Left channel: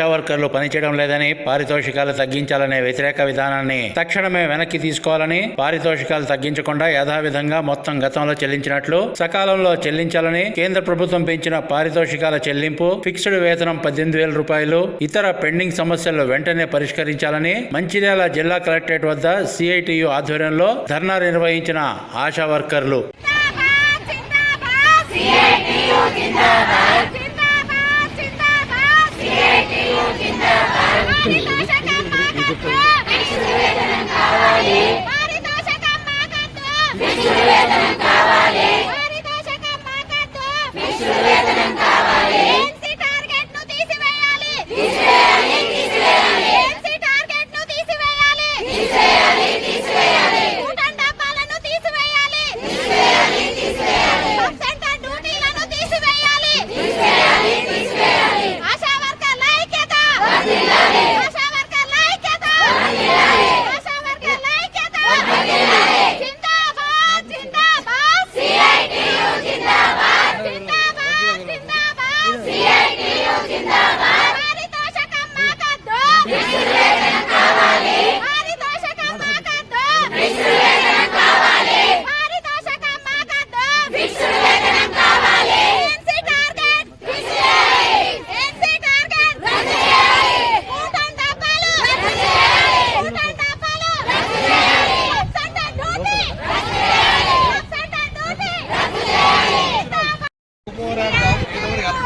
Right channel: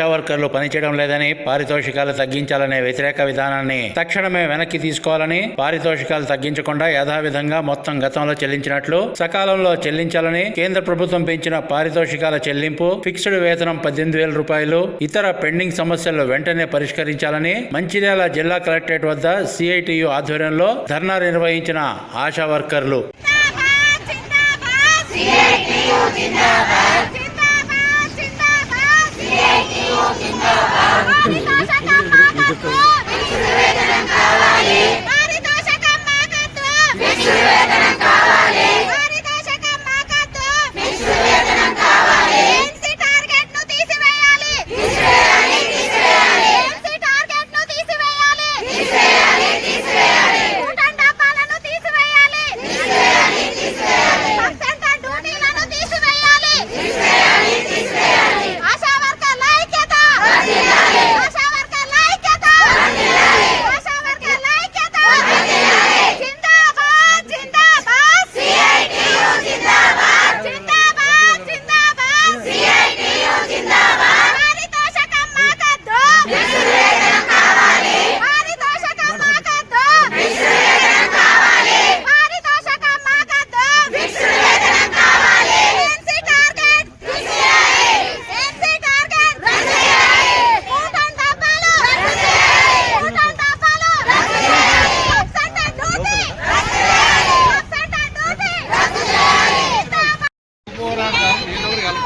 ఆశా వర్కర్లు పనిచేయడం లేదని పారితోషికాలు తగ్గించాలనే వ్యతిరేక విధానాన్ని తక్షణమే వెనక్కి తీసుకోవాలని పారితోషికాలు తగ్గించకుండా యథావిధంగా మొత్తం గతంలో చెల్లించినట్లు సకాలంలో చెల్లించాలని కేంద్ర ప్రభుత్వం పెంచిన పారితోషికాల చెల్లింపు ఫిక్స్డ్ వేతనం పద్దెనిమిది వేల రూపాయలు ఇతర పెండింగ్ సమస్యలు వెంటనే పరిష్కరించాలని మంచిర్యాల జిల్లా కలెక్టరేట్ వద్ద సిఐటియు ఆధ్వర్యంలో ధర్నా నిర్వహించిన ఆశా వర్కర్లు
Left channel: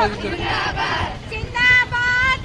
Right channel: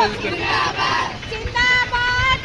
జిందాబాద్ జిందాబాద్